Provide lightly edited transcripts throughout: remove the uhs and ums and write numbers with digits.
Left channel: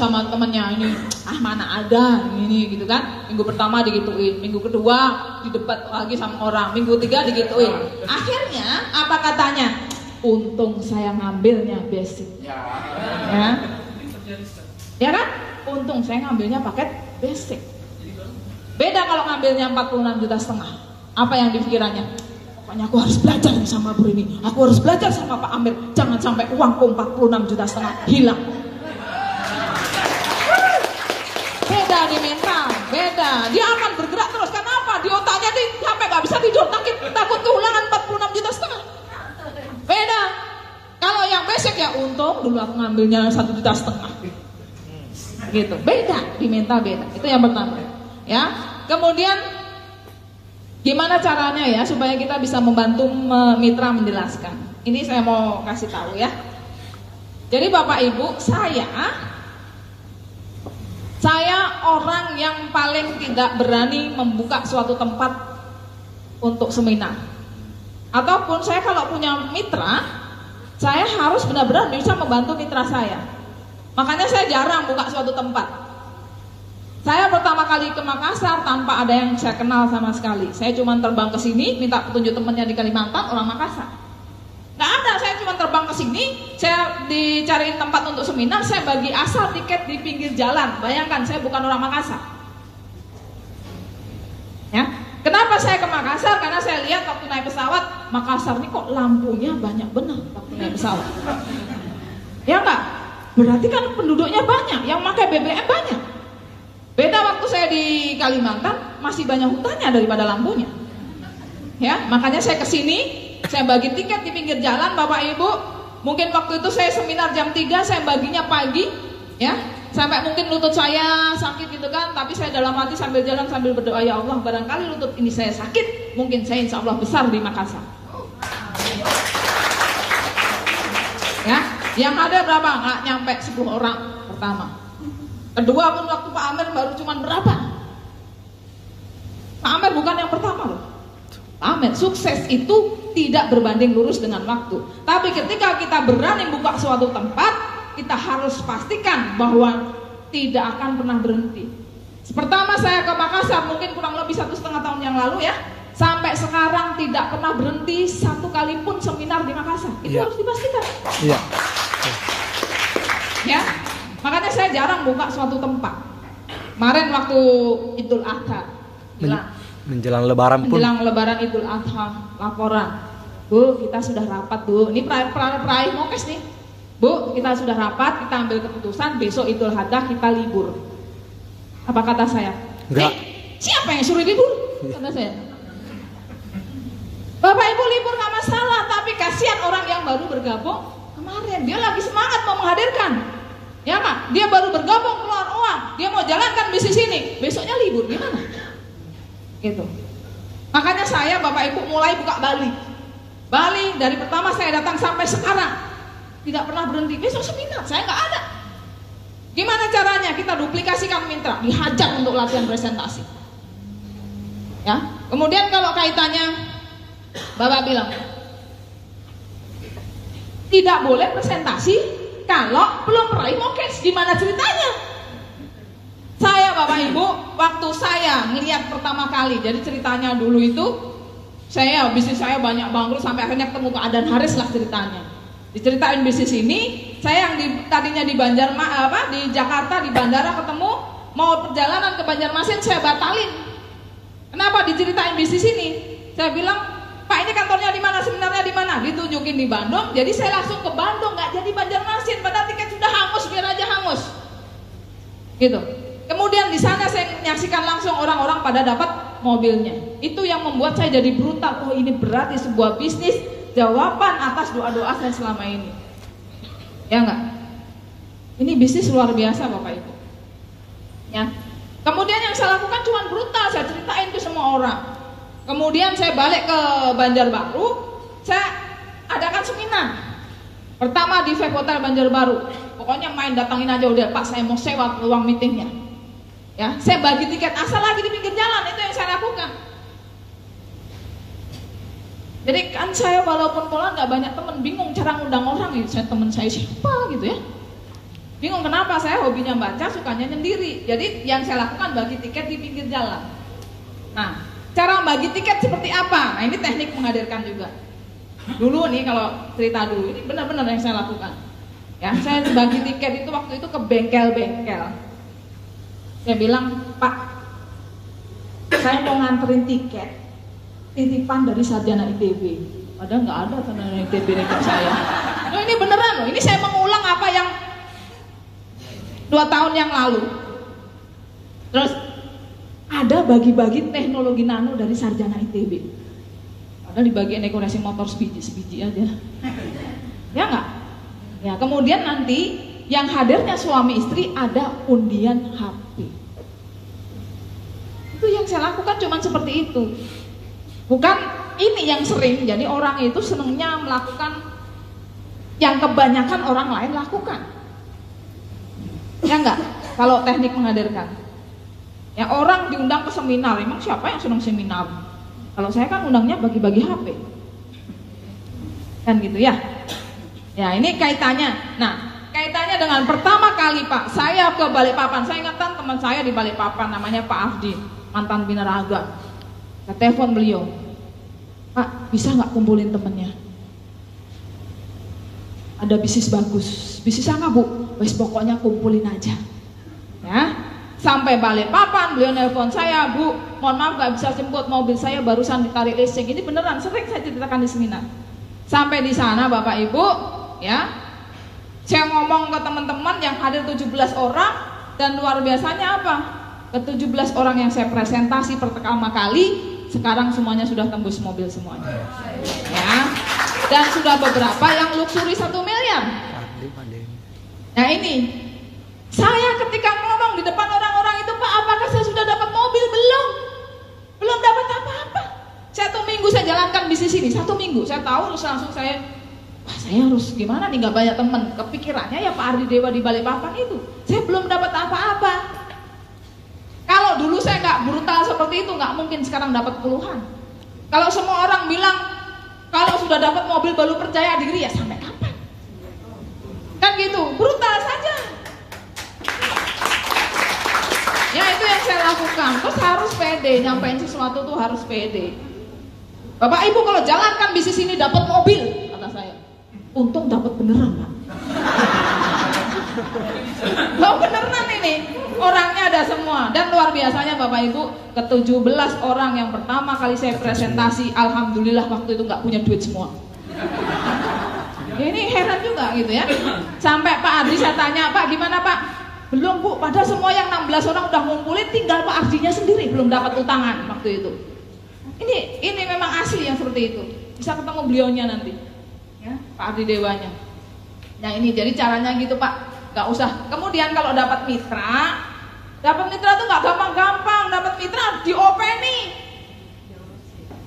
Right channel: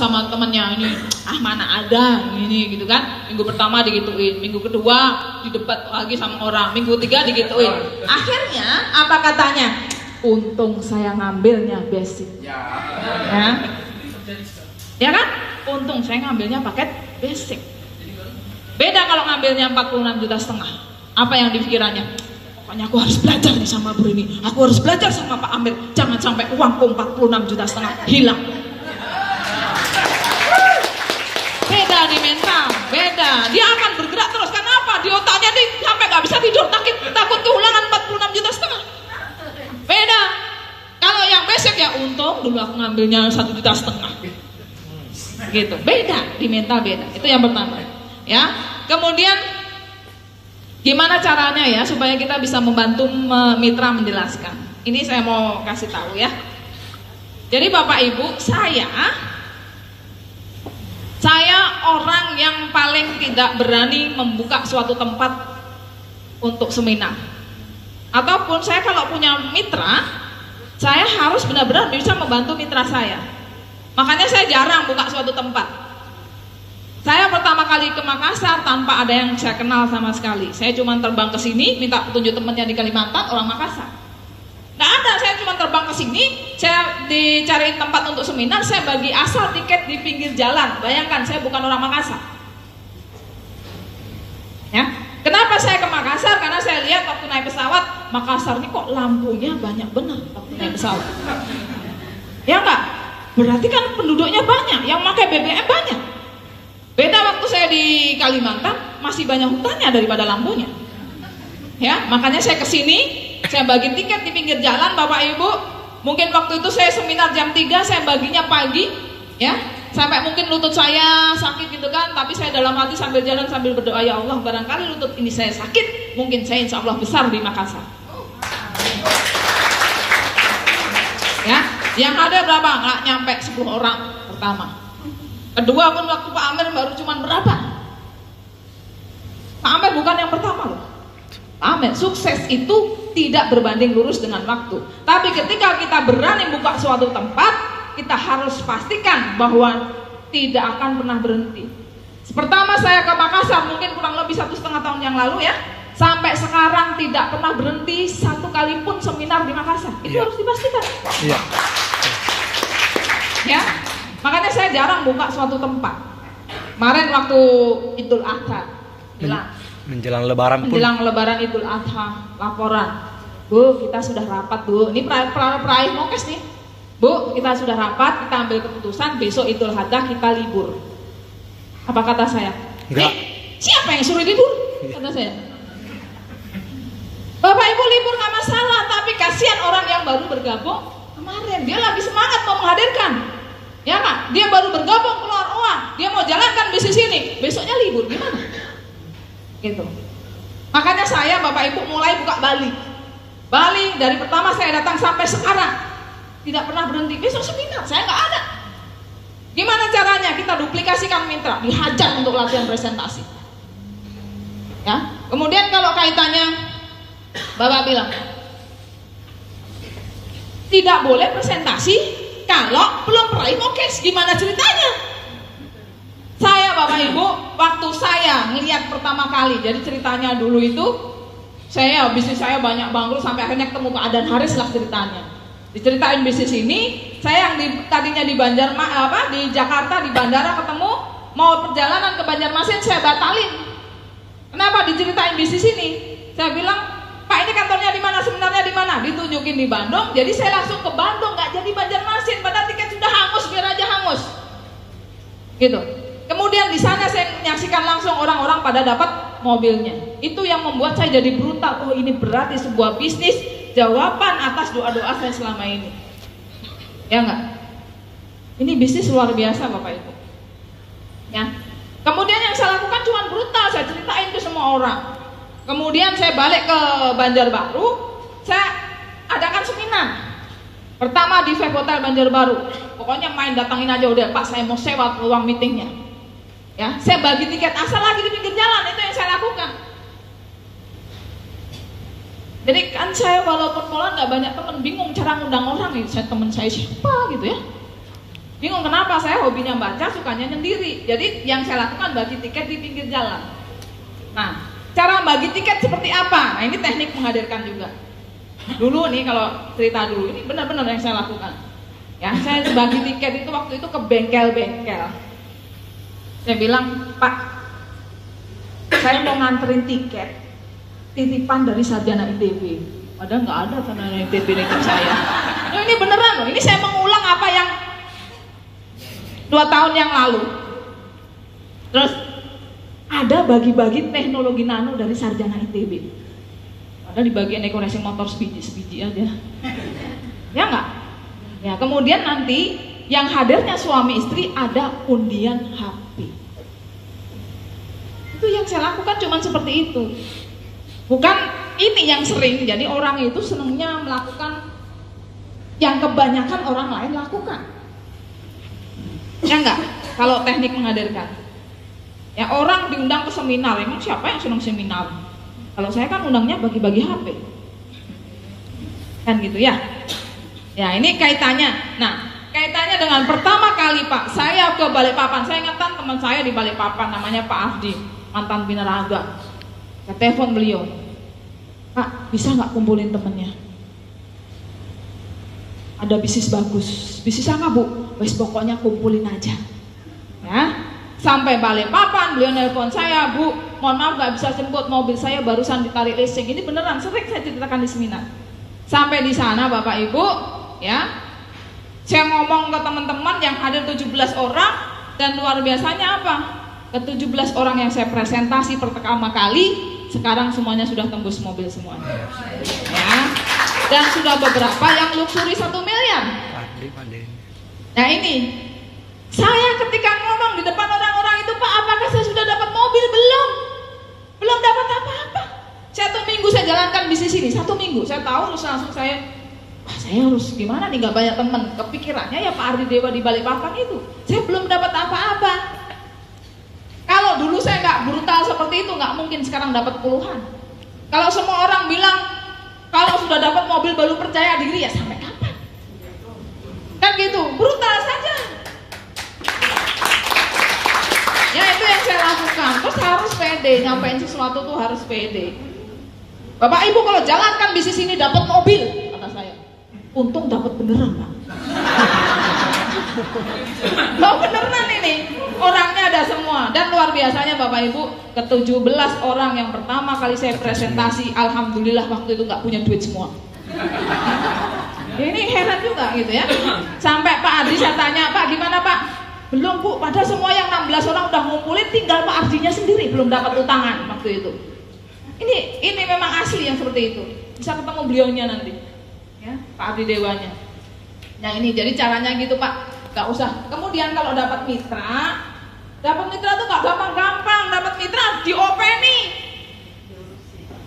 sama temennya ini, mana ada ini gitu kan. Minggu pertama digituin, minggu kedua didebat lagi sama orang, minggu ketiga digituin. Akhirnya apa katanya? Untung saya ngambilnya basic. Ya kan? Untung saya ngambilnya paket basic. Beda kalau ngambilnya 46,5 juta. Apa yang dipikirannya? Pokoknya aku harus belajar nih sama Bu ini. Aku harus belajar sama Pak Amir. Jangan sampai uangku 46,5 juta hilang. Beda nih mental, beda. Dia akan bergerak terus. Kenapa? Di otaknya nih sampai nggak bisa tidur, takut kehilangan 46,5 juta. Beda. Kalau yang basic ya untung dulu aku ngambilnya 1,5 juta. Gitu. Beda di mental beda. Itu yang pertama. Ya. Kemudian gimana caranya ya supaya kita bisa membantu mitra menjelaskan. Ini saya mau kasih tahu ya. Jadi Bapak Ibu, saya orang yang paling tidak berani membuka suatu tempat untuk seminar. Ataupun saya kalau punya mitra, saya harus benar-benar bisa membantu mitra saya. Makanya saya jarang buka suatu tempat. Saya pertama kali ke Makassar tanpa ada yang saya kenal sama sekali. Saya cuma terbang ke sini, minta petunjuk temannya di Kalimantan, orang Makassar. Nggak ada, saya cuma terbang ke sini, saya dicariin tempat untuk seminar, saya bagi asal tiket di pinggir jalan. Bayangkan, saya bukan orang Makassar. Ya, kenapa saya ke Makassar? Karena saya lihat waktu naik pesawat, Makassar ini kok lampunya banyak benar waktu naik pesawat. Ya enggak? Berarti kan penduduknya banyak, yang pakai BBM banyak. Beda waktu saya di Kalimantan, masih banyak hutannya daripada lampunya. Ya, makanya saya kesini, saya bagi tiket di pinggir jalan, Bapak Ibu. Mungkin waktu itu saya seminar jam 3, saya baginya pagi, ya, sampai mungkin lutut saya sakit gitu kan. Tapi saya dalam hati sambil jalan sambil berdoa, ya Allah, barangkali lutut ini saya sakit, mungkin saya insya Allah besar di Makassar. Ya, yang ada berapa? Nggak nyampe 10 orang pertama. Kedua pun waktu Pak Amir baru cuman berapa? Pak Amir bukan yang pertama loh. Pak Amir, sukses itu tidak berbanding lurus dengan waktu. Tapi ketika kita berani buka suatu tempat, kita harus pastikan bahwa tidak akan pernah berhenti. Pertama saya ke Makassar mungkin kurang lebih 1,5 tahun yang lalu ya. Sampai sekarang tidak pernah berhenti satu kali pun seminar di Makassar. Itu harus dipastikan. Iya. Ya. Makanya saya jarang buka suatu tempat. Kemarin waktu Idul Adha, menjelang Lebaran pun. Menjelang Lebaran Idul Adha, laporan. Bu, kita sudah rapat Bu. Ini peraih Mokes nih. Bu, kita sudah rapat, kita ambil keputusan besok Idul Adha kita libur. Apa kata saya? Enggak. Siapa yang suruh libur? Kata saya. Bapak Ibu libur nggak masalah, tapi kasihan orang yang baru bergabung kemarin. Dia lagi semangat mau menghadirkan. Ya Kak, dia baru bergabung keluar uang, dia mau jalankan bisnis ini, besoknya libur gimana? Gitu. Makanya saya Bapak Ibu mulai buka Bali. Bali dari pertama saya datang sampai sekarang tidak pernah berhenti. Besok seminar saya nggak ada. Gimana caranya? Kita duplikasikan mitra, dihajar untuk latihan presentasi. Ya. Kemudian kalau kaitannya Bapak bilang tidak boleh presentasi kalau belum peraih Mokes, gimana ceritanya? Saya Bapak Ibu, waktu saya ngelihat pertama kali, jadi ceritanya dulu itu, bisnis saya banyak bangkrut sampai akhirnya ketemu ke Adan Haris lah ceritanya. Diceritain bisnis ini, saya yang tadinya di di Jakarta di bandara ketemu, mau perjalanan ke Banjarmasin saya batalin. Kenapa diceritain bisnis ini? Saya bilang, Pak ini kantornya di mana, seminarnya di mana? Ditunjukin di Bandung, jadi saya langsung ke Bandung, nggak jadi Banjarmasin, padahal tiket sudah hangus, biar aja hangus. Gitu. Kemudian di sana saya menyaksikan langsung orang-orang pada dapat mobilnya. Itu yang membuat saya jadi brutal. Oh ini berarti sebuah bisnis jawaban atas doa-doa saya selama ini. Ya enggak? Ini bisnis luar biasa Bapak Ibu. Ya. Kemudian yang saya lakukan cuma brutal, saya ceritain ke semua orang. Kemudian saya balik ke Banjarbaru, saya adakan seminar. Pertama di Vape Hotel Banjarbaru. Pokoknya main datangin aja udah Pak, saya mau sewa ruang meetingnya. Ya, saya bagi tiket asal lagi di pinggir jalan, itu yang saya lakukan. Jadi kan saya walaupun pola nggak banyak teman, bingung cara ngundang orang gitu. Saya teman saya siapa gitu ya. Bingung kenapa, saya hobinya baca, sukanya nyendiri. Jadi yang saya lakukan bagi tiket di pinggir jalan. Nah, cara bagi tiket seperti apa? Nah, ini teknik menghadirkan juga. Dulu nih kalau cerita dulu, ini benar-benar yang saya lakukan. Ya, saya bagi tiket itu waktu itu ke bengkel-bengkel. Saya bilang, Pak, saya mau nganterin tiket titipan dari sarjana ITB. Padahal nggak ada sarjana ITB tiket saya. Nah, ini beneran loh, ini saya mengulang apa yang 2 tahun yang lalu. Terus ada bagi-bagi teknologi nano dari sarjana ITB. Padahal di bagian dekorasi motor sebiji aja. Ya nggak? Ya, kemudian nanti yang hadirnya suami istri ada undian HP. Itu yang saya lakukan cuma seperti itu. Bukan ini yang sering, jadi orang itu senangnya melakukan yang kebanyakan orang lain lakukan. Ya enggak? Kalau teknik menghadirkan. Ya orang diundang ke seminar, emang siapa yang senang seminar? Kalau saya kan undangnya bagi-bagi HP. Kan gitu ya. Ya ini kaitannya. Nah, kaitannya dengan pertama kali Pak, saya ke Balikpapan. Saya ingatkan teman saya di Balikpapan namanya Pak Afdi, mantan binaraga. Saya telepon beliau, Pak, bisa nggak kumpulin temennya? Ada bisnis bagus. Bisnis apa Bu? Wes pokoknya kumpulin aja. Ya, sampai Balikpapan beliau nelpon saya, Bu, mohon maaf nggak bisa jemput, mobil saya barusan ditarik leasing. Ini beneran, sering saya ceritakan di seminar. Sampai di sana Bapak Ibu, ya, saya ngomong ke teman-teman yang hadir 17 orang dan luar biasanya apa? Ke 17 orang yang saya presentasi pertama kali, sekarang semuanya sudah tembus mobil semuanya. Ya. Dan sudah beberapa yang luxury 1 miliar. Nah ini, saya ketika ngomong di depan orang-orang itu, Pak, apakah saya sudah dapat mobil? Belum dapat apa-apa. 1 minggu saya jalankan bisnis ini, 1 minggu. Saya tahu terus langsung saya harus gimana nih, gak banyak teman. Kepikirannya ya Pak Ardi Dewa di Balikpapan itu. Saya belum dapat apa-apa. Kalau dulu saya gak brutal seperti itu, gak mungkin sekarang dapat puluhan. Kalau semua orang bilang kalau sudah dapat mobil baru percaya diri, ya sampai kapan? Kan gitu, brutal saja. Ya itu yang saya lakukan. Terus harus pede, nyampein sesuatu tuh harus pede. Bapak Ibu kalau jalankan bisnis ini dapat mobil, kata saya, untung dapat beneran Pak. Loh beneran ini, orangnya ada semua. Dan luar biasanya Bapak Ibu, ke 17 orang yang pertama kali saya presentasi, alhamdulillah waktu itu gak punya duit semua. Ini heran juga gitu ya. Sampai Pak Ardi saya tanya, Pak gimana Pak? Belum Bu, padahal semua yang 16 orang udah ngumpulin, tinggal Pak Ardinya sendiri belum dapat utangan waktu itu. Ini memang asli yang seperti itu. Bisa ketemu beliaunya nanti, ya, Pak Ardi Dewanya. Yang ini jadi caranya gitu Pak, gak usah. Kemudian kalau dapat mitra tuh gak gampang-gampang. Dapat mitra diopeni,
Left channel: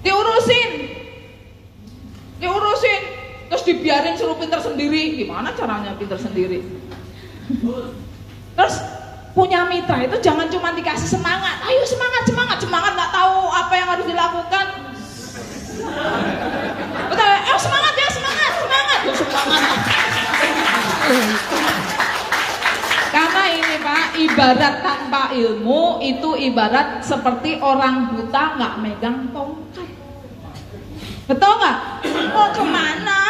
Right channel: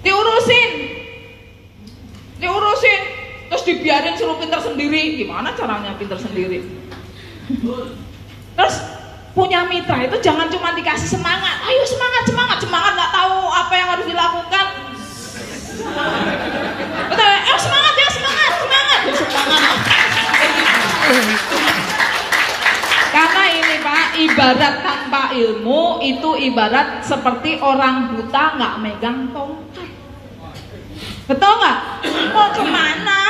diurusin, terus dibiarin suruh pinter sendiri. Gimana caranya pinter sendiri? Terus punya mitra itu jangan cuma dikasih semangat, ayo semangat, nggak tahu apa yang harus dilakukan. Betul ya? Semangat ya, semangat. Karena ini Pak, ibarat tanpa ilmu itu ibarat seperti orang buta nggak megang tongkat. Betul nggak? Mau kemana?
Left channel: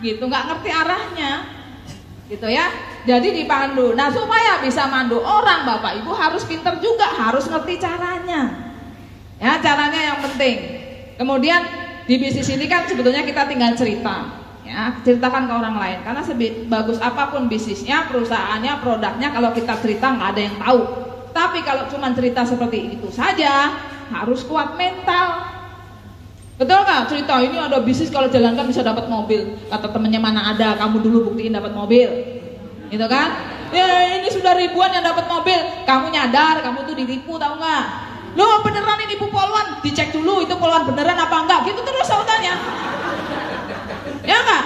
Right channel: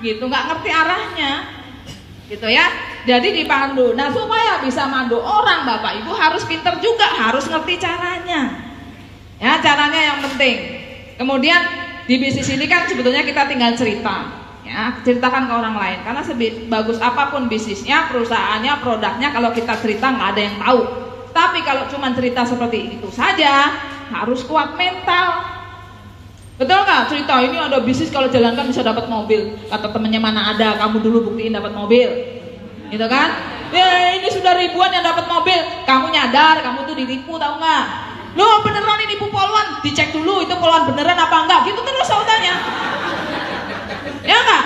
Gitu, nggak ngerti arahnya. Gitu ya. Jadi dipandu. Nah supaya bisa mandu orang Bapak Ibu harus pinter juga, harus ngerti caranya. Ya caranya yang penting. Kemudian di bisnis ini kan sebetulnya kita tinggal cerita, ya ceritakan ke orang lain. Karena sebagus apapun bisnisnya, perusahaannya, produknya, kalau kita cerita nggak ada yang tahu. Tapi kalau cuma cerita seperti itu saja, harus kuat mental. Betul nggak? Cerita ini ada bisnis kalau jalankan bisa dapat mobil. Kata temennya mana ada, kamu dulu buktiin dapat mobil. Gitu kan? Ya ini sudah ribuan yang dapat mobil. Kamu nyadar, kamu tuh ditipu tahu nggak? Loh beneran ini nipu poluan? Dicek dulu itu poluan beneran apa enggak? Gitu terus saudaranya. Ya nggak?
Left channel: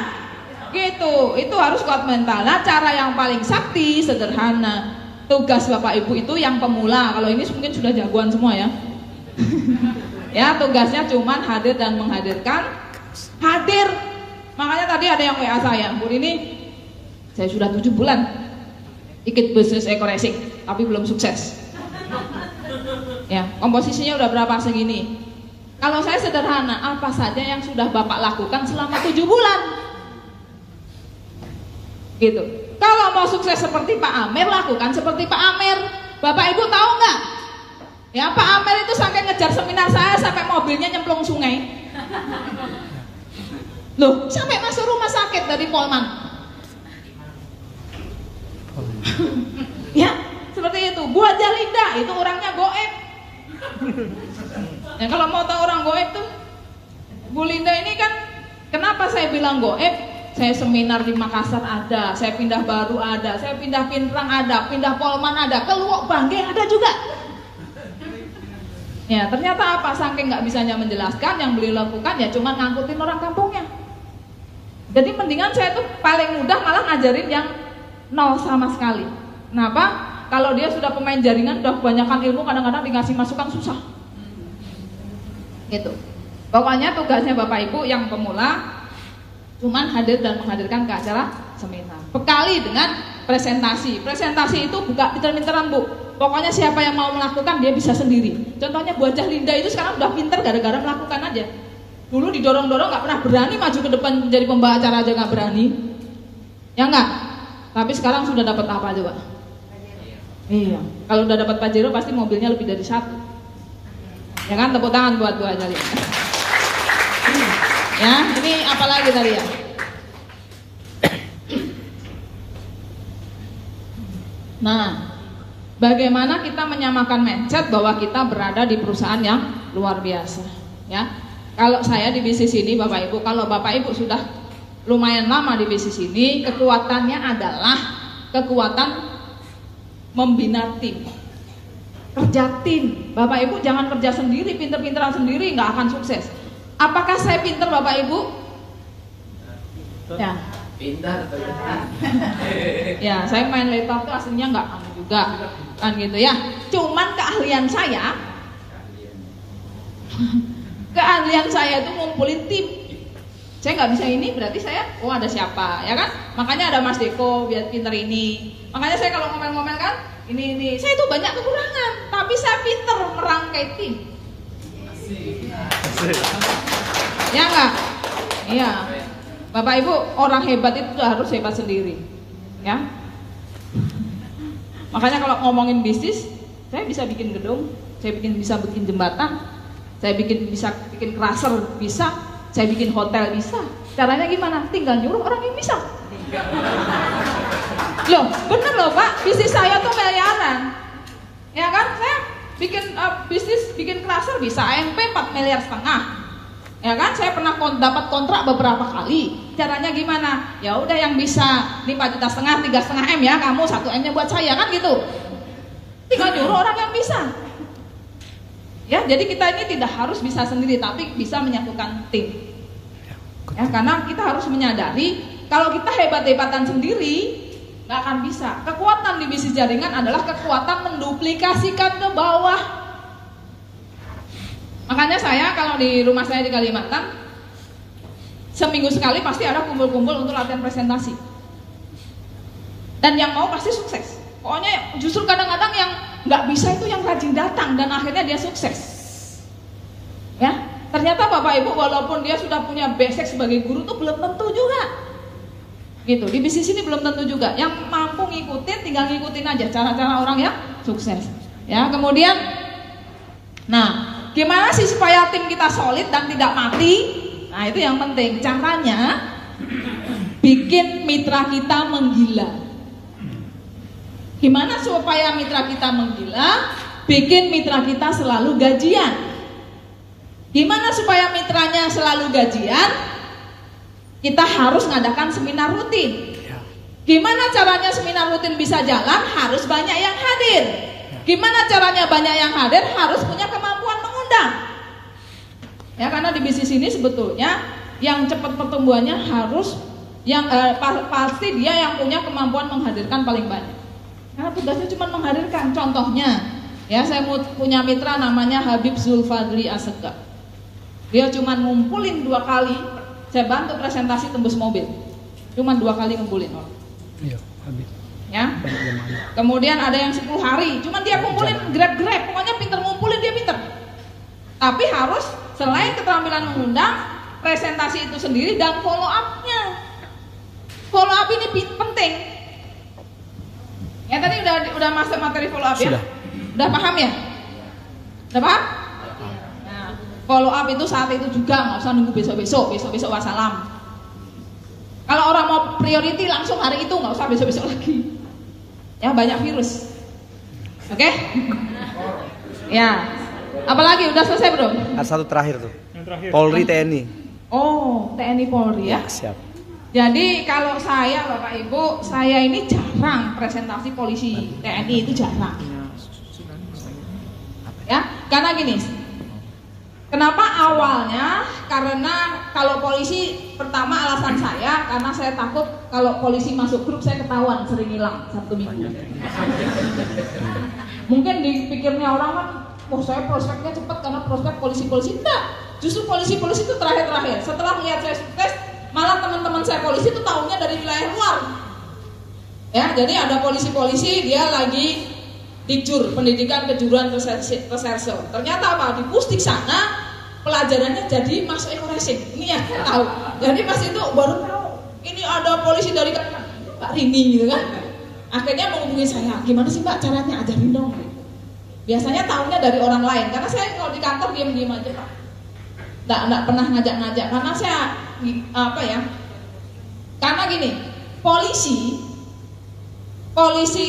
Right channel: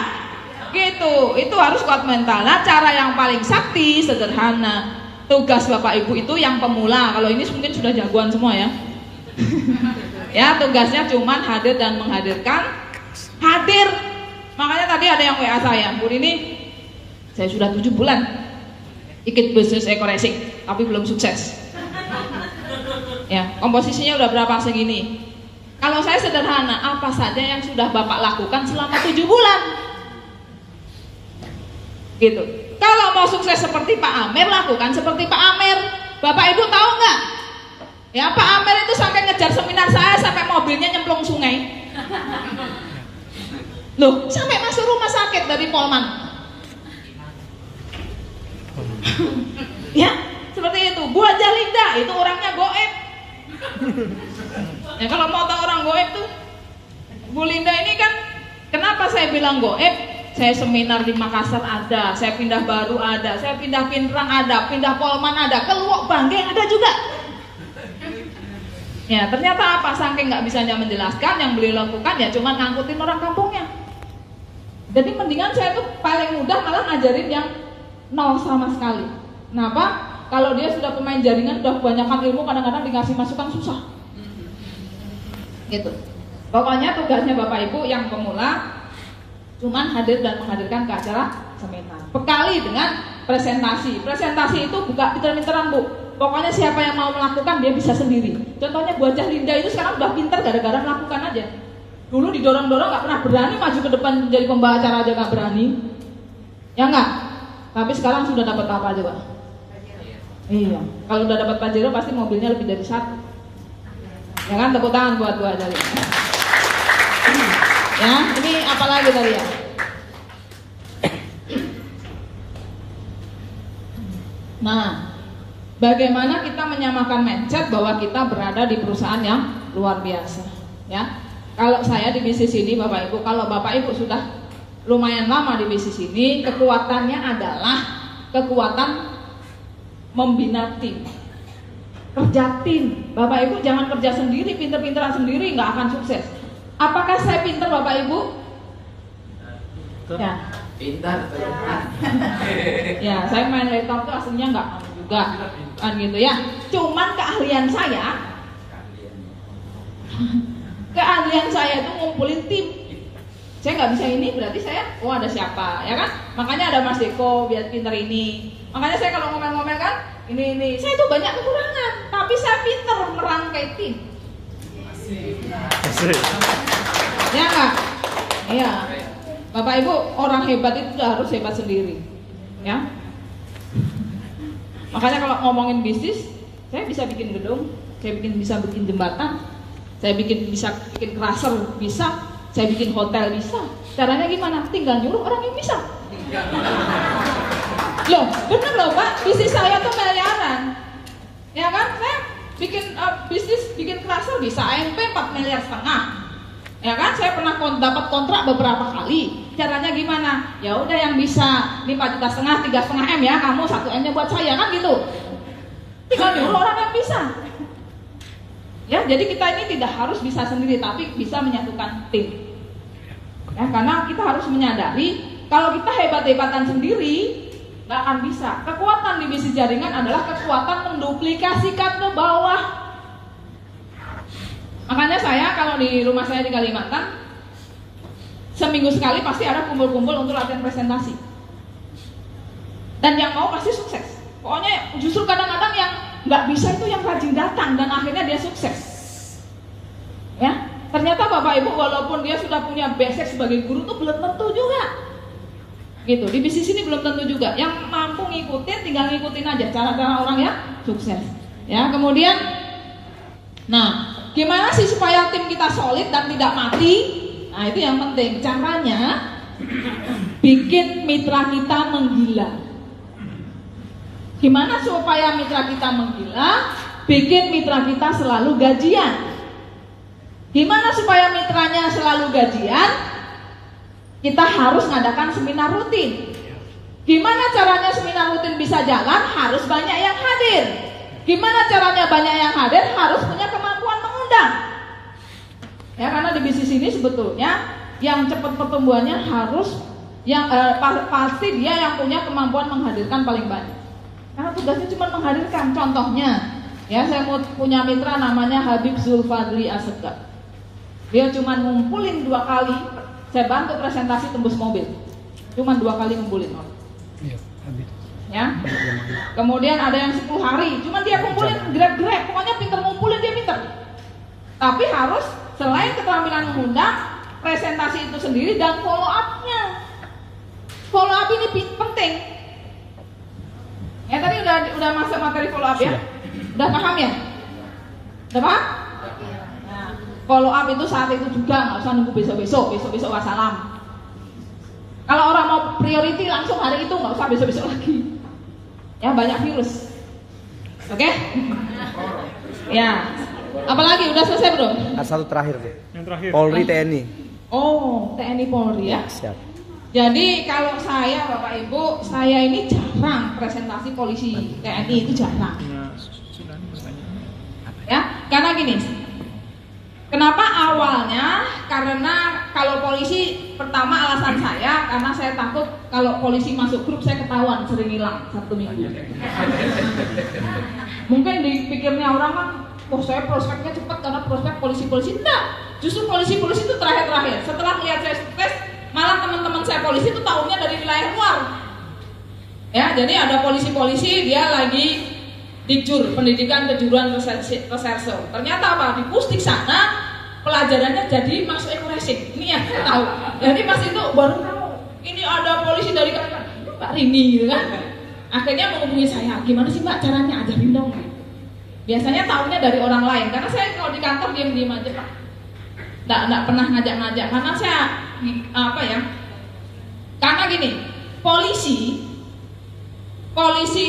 Gitu. Itu harus kuat mental. Nah, cara yang paling sakti sederhana. Tugas Bapak Ibu itu yang pemula. Kalau ini mungkin sudah jagoan semua ya. Ya tugasnya cuman hadir dan menghadirkan. Hadir. Makanya tadi ada yang WA saya, Bu ini saya sudah 7 bulan ikut bisnis eco racing, tapi belum sukses. Ya, komposisinya udah berapa segini. Kalau saya sederhana, apa saja yang sudah Bapak lakukan selama 7 bulan? Gitu. Kalau mau sukses seperti Pak Amer, lakukan seperti Pak Amer. Bapak Ibu tahu nggak? Ya, Pak Amer itu sampai ngejar seminar saya sampai mobilnya nyemplung sungai. Loh, sampai masuk rumah sakit dari Polman. Ya, seperti itu. Bu Haja Linda itu orangnya goib. Ya, kalau mau tahu orang goib tuh, Bu Linda ini kan, kenapa saya bilang goib? Saya seminar di Makassar ada, saya pindah Baru ada, saya pindah Pinrang ada, pindah Polman ada, ke Luwuk Bangge ada juga. Ya, ternyata apa? Saking nggak bisanya menjelaskan, yang beliau lakukan ya cuma ngangkutin orang kampungnya. Jadi mendingan saya tuh paling mudah malah ngajarin yang nol sama sekali. Kenapa? Kalau dia sudah pemain jaringan, udah kebanyakan ilmu, kadang-kadang dikasih masukan susah. Gitu. Pokoknya tugasnya Bapak Ibu yang pemula cuman hadir dan menghadirkan ke acara seminar. Bekali dengan presentasi. Presentasi itu buka pinter-pinteran, Bu. Pokoknya siapa yang mau melakukan dia bisa sendiri. Contohnya Bu Haja Linda itu sekarang udah pinter gara-gara melakukan aja. Dulu didorong-dorong nggak pernah berani maju ke depan jadi pembawa acara aja nggak berani. Ya nggak? Tapi sekarang sudah dapat apa coba? Iya. Kalau udah dapat Pajero pasti mobilnya lebih dari 1. Ya kan, tepuk tangan buat Bu Haja Linda. Ya, ini apalagi tadi ya? Nah, bagaimana kita menyamakan mindset bahwa kita berada di perusahaan yang luar biasa, ya? Kalau saya di bisnis ini, Bapak Ibu, kalau Bapak Ibu sudah lumayan lama di bisnis ini, kekuatannya adalah kekuatan membina tim, kerja tim. Bapak Ibu jangan kerja sendiri, pinter-pinteran sendiri, nggak akan sukses. Apakah saya pintar Bapak Ibu? Ya. Pintar. Ya, saya main laptop itu aslinya nggak juga, kan gitu ya. Cuman keahlian saya itu ngumpulin tim. Saya nggak bisa ini, berarti saya, ada siapa, ya kan? Makanya ada Mas Deko biar pintar ini. Makanya saya kalau ngomel-ngomel kan, ini, saya itu banyak kekurangan, tapi saya pintar merangkai tim. Ya nggak? Iya. Bapak Ibu, orang hebat itu harus hebat sendiri, ya. Makanya kalau ngomongin bisnis, saya bisa bikin gedung, saya bisa bikin jembatan, saya bisa bikin crusher bisa, saya bikin hotel bisa. Caranya gimana? Tinggal nyuruh orang yang bisa. Loh, bener loh Pak, bisnis saya tuh miliaran, ya kan? Saya bikin bisnis, bikin crusher bisa AMP 4,5 miliar. Ya kan, saya pernah dapat kontrak beberapa kali. Caranya gimana? Ya udah yang bisa 5,5 juta, 3,5 M ya, kamu 1 M-nya buat saya, kan gitu. Tinggal nyuruh orang yang bisa. Ya, jadi kita ini tidak harus bisa sendiri, tapi bisa menyatukan tim. Ya, karena kita harus menyadari kalau kita hebat-hebatan sendiri nggak akan bisa. Kekuatan di bisnis jaringan adalah kekuatan menduplikasikan ke bawah. Makanya saya kalau di rumah saya di Kalimantan, seminggu sekali pasti ada kumpul-kumpul untuk latihan presentasi. Dan yang mau pasti sukses. Pokoknya justru kadang-kadang yang nggak bisa itu yang rajin datang dan akhirnya dia sukses. Ya, ternyata Bapak Ibu walaupun dia sudah punya basic sebagai guru tuh belum tentu juga. Gitu, di bisnis ini belum tentu juga. Yang mampu ngikutin, tinggal ngikutin aja cara-cara orang yang sukses. Ya, kemudian, nah, gimana sih supaya tim kita solid dan tidak mati? Nah, itu yang penting. Caranya bikin mitra kita menggila. Gimana supaya mitra kita menggila? Bikin mitra kita selalu gajian. Gimana supaya mitranya selalu gajian? Kita harus ngadakan seminar rutin. Gimana caranya seminar rutin bisa jalan? Harus banyak yang hadir. Gimana caranya banyak yang hadir? Harus punya kemampuan mengundang. Ya, karena di bisnis ini sebetulnya yang cepat pertumbuhannya harus yang pasti dia yang punya kemampuan menghadirkan paling banyak. Karena tugasnya cuma menghadirkan. Contohnya, ya saya punya mitra namanya Habib Zulfadli Asegaf. Dia cuma ngumpulin 2 kali. Saya bantu presentasi tembus mobil. Cuma 2 kali ngumpulin. Iya, Habib. ya. Kemudian ada yang 10 hari, cuman dia kumpulin grab, pokoknya pinter ngumpulin, dia pinter. Tapi harus selain keterampilan mengundang, presentasi itu sendiri dan follow up-nya. Follow up ini penting. Ya tadi udah masuk materi follow up ya? Udah paham ya? Udah paham? Nah, follow up itu saat itu juga, nggak usah nunggu besok wassalam. Kalau orang mau priority langsung hari itu, nggak usah besok lagi. Ya banyak virus. Oke? Ya. Apalagi udah selesai belum? Ada satu terakhir tuh. Polri TNI. Oh, TNI Polri ya. Siap. Jadi kalau saya Bapak Ibu, saya ini jarang presentasi polisi TNI, itu jarang. Ya, karena gini. Kenapa awalnya? Karena kalau polisi, pertama alasan saya karena saya takut kalau polisi masuk grup saya ketahuan sering hilang 1 minggu. Mungkin dipikirnya orang kan, oh saya prospeknya cepat karena prospek polisi-polisi. Enggak, justru polisi-polisi itu terakhir-terakhir. Setelah melihat saya sukses, malah teman-teman saya polisi itu tahunya dari wilayah luar. Ya, jadi ada polisi-polisi dia lagi Dikjur, pendidikan kejuruan reserse. Ternyata apa? Di Pusdik sana pelajarannya jadi masuk ekoresik. Ini yang saya tahu. Jadi pas itu baru tahu ini ada polisi dari Kalimantan, Pak Rini gitu kan. Akhirnya menghubungi saya, gimana sih Mbak caranya, ajarin dong. Biasanya tahunya dari orang lain, karena saya kalau di kantor diam-diam aja Pak. Nggak pernah ngajak-ngajak, karena saya karena gini, polisi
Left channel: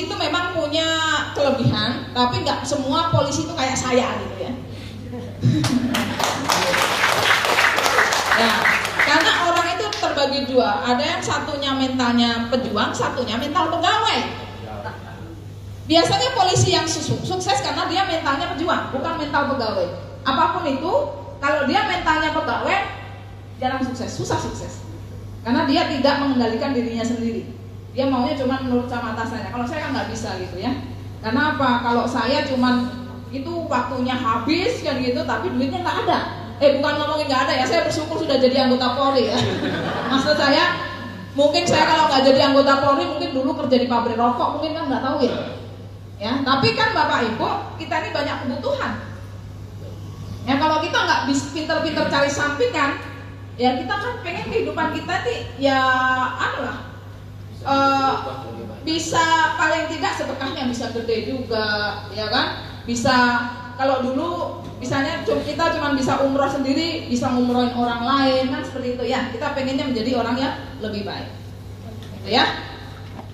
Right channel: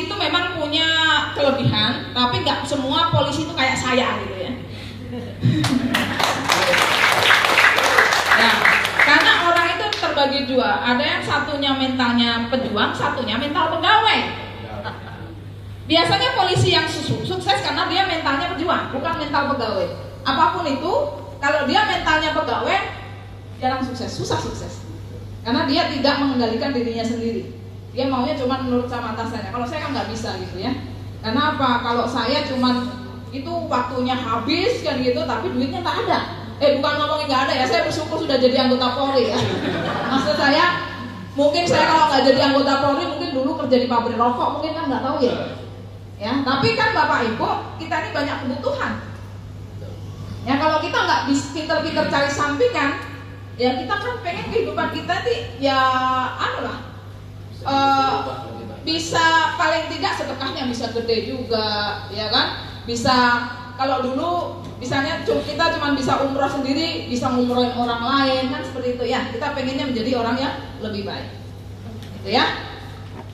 itu memang punya kelebihan, tapi nggak semua polisi itu kayak saya gitu ya. Ya, karena orang itu terbagi dua, ada yang satunya mentalnya pejuang, satunya mental pegawai. Biasanya polisi yang sukses karena dia mentalnya pejuang, bukan mental pegawai. Apapun itu, kalau dia mentalnya pegawai, jarang sukses, susah sukses. Karena dia tidak mengendalikan dirinya sendiri. Dia maunya cuma menurut sama atasannya. Kalau saya kan nggak bisa gitu ya. Karena apa? Kalau saya cuma itu waktunya habis kan gitu, tapi duitnya nggak ada. Bukan ngomongin nggak ada ya. Saya bersyukur sudah jadi anggota Polri ya. Maksud saya, mungkin saya kalau nggak jadi anggota Polri, mungkin dulu kerja di pabrik rokok, mungkin kan nggak tahu ya. Ya, tapi kan Bapak Ibu, kita ini banyak kebutuhan. Ya kalau kita nggak bisa pinter-pinter cari sampingan, ya kita kan pengen kehidupan kita nih ya bisa paling tidak sedekahnya bisa gede juga, ya kan? Bisa kalau dulu misalnya kita cuma bisa umroh sendiri, bisa ngumrohin orang lain kan seperti itu ya. Kita pengennya menjadi orang yang lebih baik, gitu ya.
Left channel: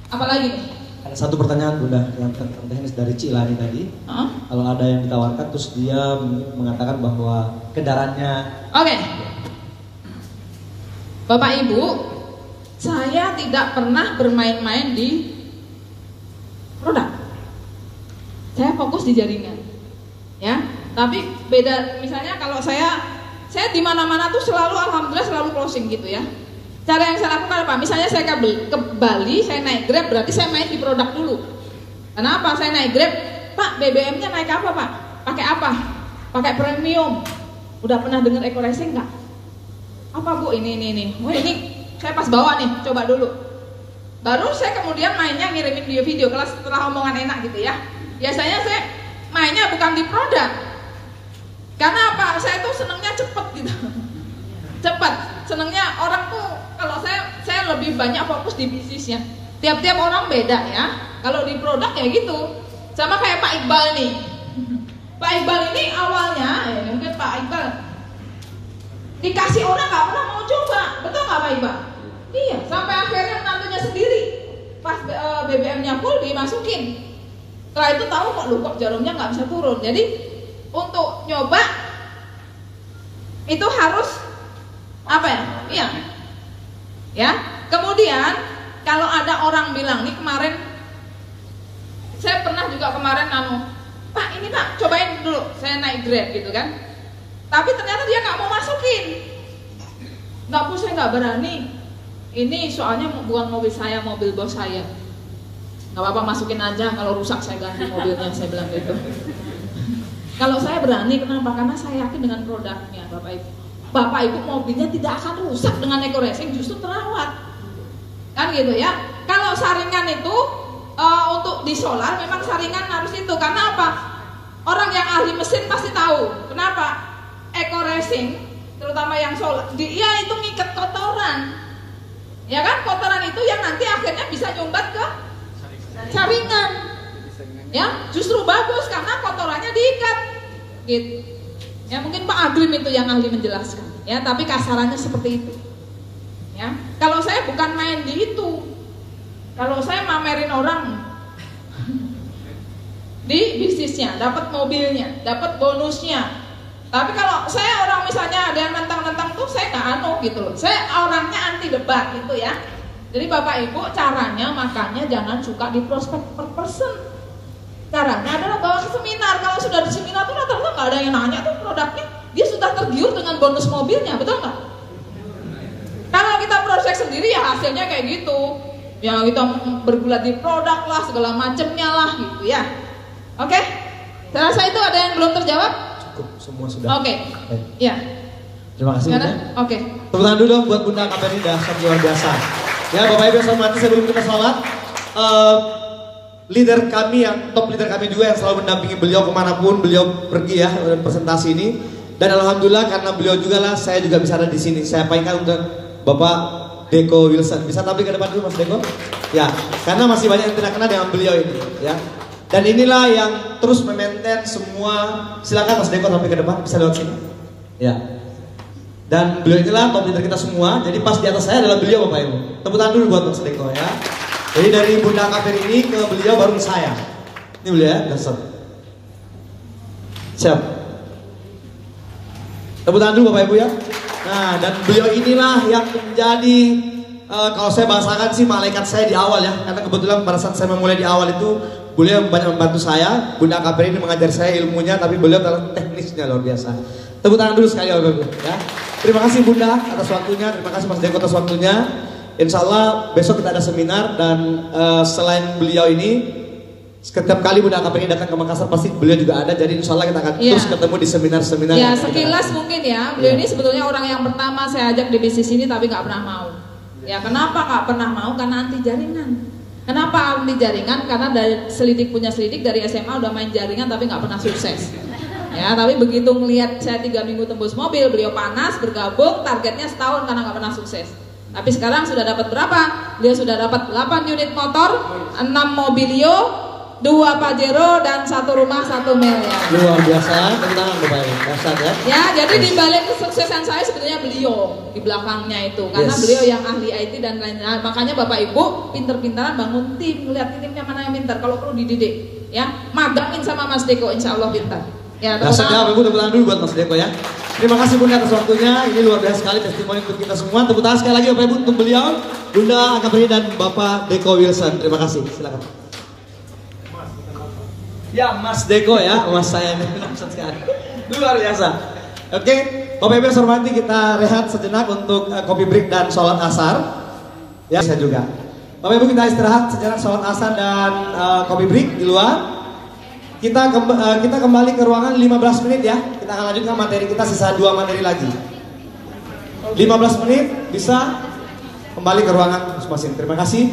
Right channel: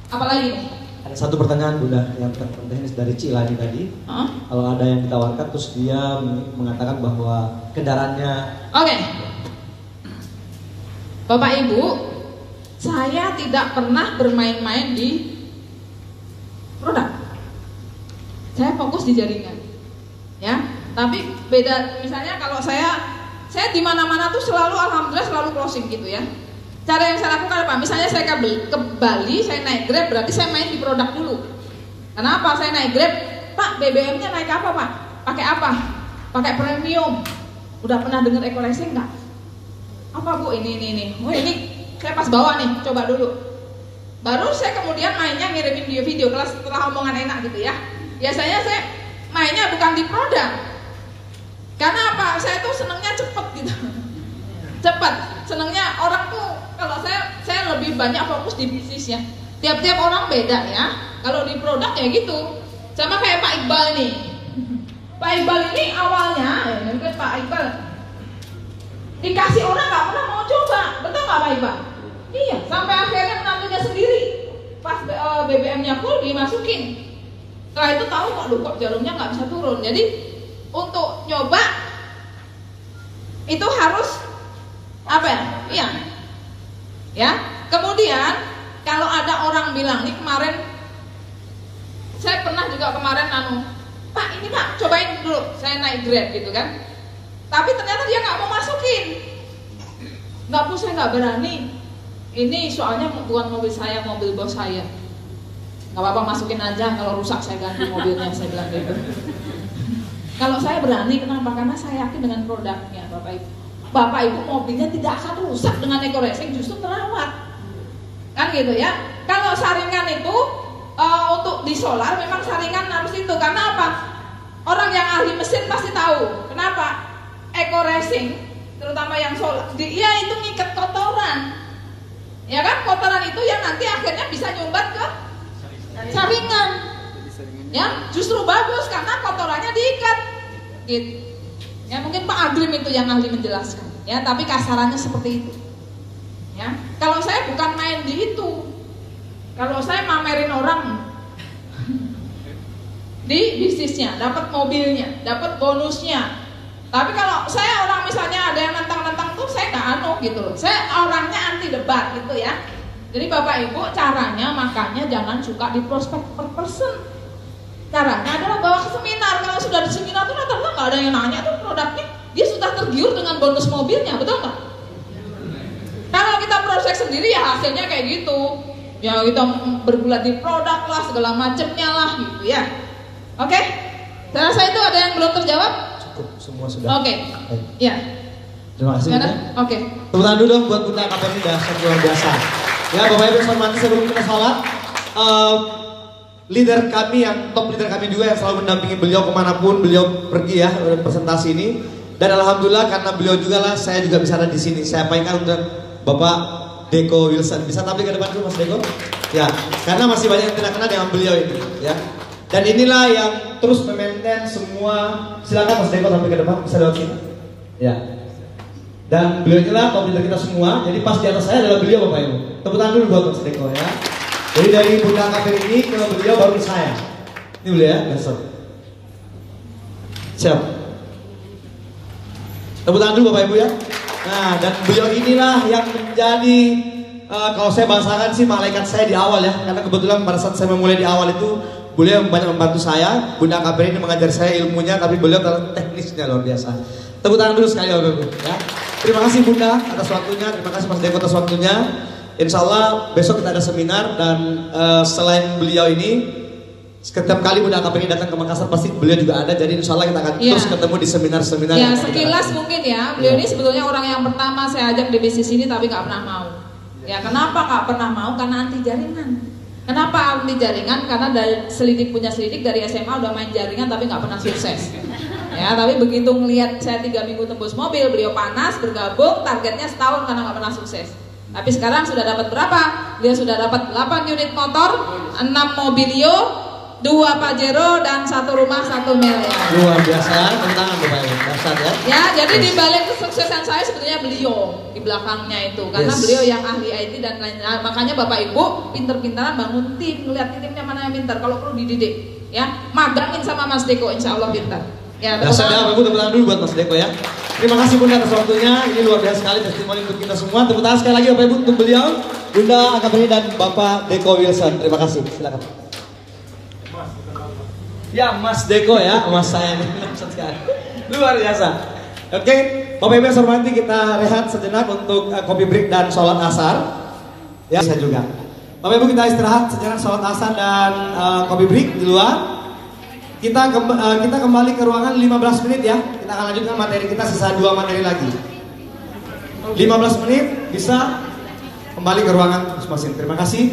Apalagi? Ada satu pertanyaan juga yang teknis dari Cilani tadi. Kalau ada yang ditawarkan terus dia mengatakan bahwa kendaraannya. Oke. Bapak Ibu, saya tidak pernah bermain-main di produk. Saya fokus di jaringan. Ya, tapi beda misalnya kalau saya di mana-mana tuh selalu alhamdulillah selalu closing gitu ya. Cara yang saya lakukan apa? Misalnya saya ke Bali, saya naik Grab, berarti saya main di produk dulu. Kenapa? Saya naik Grab, Pak, BBM-nya naik apa Pak? Pakai apa? Pakai premium. Udah pernah dengar eco-racing nggak? Apa Bu? Ini. Oh ini saya pas bawa nih, coba dulu. Baru saya kemudian mainnya ngirimin video-video kelas setelah omongan enak gitu ya. Biasanya saya mainnya bukan di produk. Karena apa? Saya tuh senangnya cepet gitu. Cepat. Senangnya orang tuh kalau saya lebih banyak fokus di bisnisnya. Tiap-tiap orang beda ya. Kalau di produk ya gitu. Sama kayak Pak Iqbal nih. Pak Iqbal ini awalnya, mungkin Pak Iqbal dikasih orang nggak pernah mau coba, betul nggak Pak Iqbal? Iya. Sampai akhirnya menantunya sendiri. Pas BBM-nya full dimasukin. Setelah itu tahu kok jalurnya nggak bisa turun. Jadi untuk nyoba itu harus apa ya? Iya. Ya. Kemudian kalau ada orang bilang nih kemarin, saya pernah juga kemarin Pak ini Pak cobain dulu, saya naik Grab gitu kan. Tapi ternyata dia nggak mau masukin. Nggak Bu, saya nggak berani. Ini soalnya bukan mobil saya, mobil bos saya. Nggak apa-apa masukin aja, kalau rusak saya ganti mobilnya, saya bilang gitu. Kalau saya berani, kenapa? Karena saya yakin dengan produknya, Bapak Ibu. Bapak Ibu mobilnya tidak akan rusak dengan eco-racing, justru terawat. Kan gitu ya. Kalau saringan itu untuk di solar memang saringan harus itu. Karena apa? Orang yang ahli mesin pasti tahu. Kenapa? Eco racing, terutama yang solar, dia itu ngikat kotoran. Ya kan? Kotoran itu yang nanti akhirnya bisa nyumbat ke saringan. Ya, justru bagus karena kotorannya diikat. Gitu. Ya, mungkin Pak Agrim itu yang ahli menjelaskan. Ya, tapi kasarannya seperti itu. Ya, kalau saya bukan main di itu. Kalau saya mamerin orang di bisnisnya, dapat mobilnya, dapat bonusnya. Tapi kalau saya orang misalnya ada yang nentang-nentang tuh saya nggak anu gitu loh. Saya orangnya anti debat gitu ya. Jadi Bapak Ibu caranya makanya jangan suka di prospek per person. Caranya adalah bawa ke seminar. Kalau sudah di seminar tuh rata-rata nggak ada yang nanya tuh produknya. Dia sudah tergiur dengan bonus mobilnya, betul nggak? Kalau kita prospek sendiri ya hasilnya kayak gitu. Ya kita bergulat di produk lah, segala macamnya lah gitu ya. Oke? Saya rasa itu ada yang belum terjawab? Cukup, semua sudah. Oke. Ya. Terima kasih. Oke. Tepuk tangan dulu dong buat Bunda KPRI dasar luar biasa. Ya, Bapak Ibu yang hormati, sebelum kita salat, leader kami yang top leader kami juga yang selalu mendampingi beliau kemanapun beliau pergi ya presentasi ini. Dan alhamdulillah karena beliau juga lah saya juga bisa ada di sini. Saya pakai untuk Bapak Deko Wilson. Bisa tampil ke depan dulu Mas Deko? Ya, karena masih banyak yang tidak kenal dengan beliau ini ya. Dan inilah yang terus memaintain semua. Silakan Mas Deko tampil ke depan, bisa lewat sini. Ya. Dan beliau inilah top leader kita semua. Jadi pas di atas saya adalah beliau Bapak Ibu. Tepuk tangan dulu buat Mas Deko ya. Jadi dari Bunda KPRI ini ke beliau baru saya. Ini beliau ya, besok. Siap. Tepuk tangan dulu Bapak Ibu ya. Nah, dan beliau inilah yang menjadi kalau saya bahasakan sih malaikat saya di awal ya. Karena kebetulan pada saat saya memulai di awal itu beliau banyak membantu saya. Bunda KPRI ini mengajar saya ilmunya, tapi beliau kalau teknisnya luar biasa. Tepuk tangan dulu sekali Bapak Ibu ya. Terima kasih Bunda atas waktunya, terima kasih Mas Deko atas waktunya. Insya Allah besok kita ada seminar dan selain beliau ini setiap kali Bunda KPRI datang ke Makassar pasti beliau juga ada. Jadi insya Allah kita akan terus ketemu di seminar-seminar. Ya sekilas mungkin ya beliau ini sebetulnya orang yang pertama saya ajak di bisnis ini tapi nggak pernah mau. Ya kenapa nggak pernah mau? Karena anti jaringan. Kenapa anti jaringan? Karena dari selidik punya selidik dari SMA udah main jaringan tapi nggak pernah sukses. Ya tapi begitu melihat saya 3 minggu tembus mobil, beliau panas bergabung, targetnya setahun karena nggak pernah sukses. Tapi sekarang sudah dapat berapa? Beliau sudah dapat 8 unit motor, 6 mobilio, 2 Pajero dan 1 rumah 1 miliar. Luar biasa, tentang Bapak Ibu, dasar ya. Ya, jadi di balik kesuksesan saya sebetulnya beliau di belakangnya itu, karena beliau yang ahli IT dan lain-lain. Makanya Bapak Ibu pinter-pinteran bangun tim, lihat timnya mana yang pintar. Kalau perlu dididik, ya magangin sama Mas Deko, insya Allah pintar. Ya, dasar ya, Bapak Ibu tepuk tangan dulu buat Mas Deko ya. Terima kasih Bunda atas waktunya. Ini luar biasa sekali testimoni untuk kita semua. Tepuk tangan sekali lagi Bapak Ibu untuk beliau, Bunda KPRI dan Bapak Deko Wilson. Terima kasih. Silakan. Ya Mas Deko ya, Mas saya ini luar biasa. Oke, Bapak Ibu yang saya hormati, kita rehat sejenak untuk kopi break dan sholat asar. Ya saya juga. Bapak Ibu kita istirahat sejenak sholat asar dan kopi break di luar. Kita kembali ke ruangan 15 menit ya. Kita akan lanjutkan materi kita, sisa 2 materi lagi. 15 menit bisa kembali ke ruangan masing-masing. Terima kasih.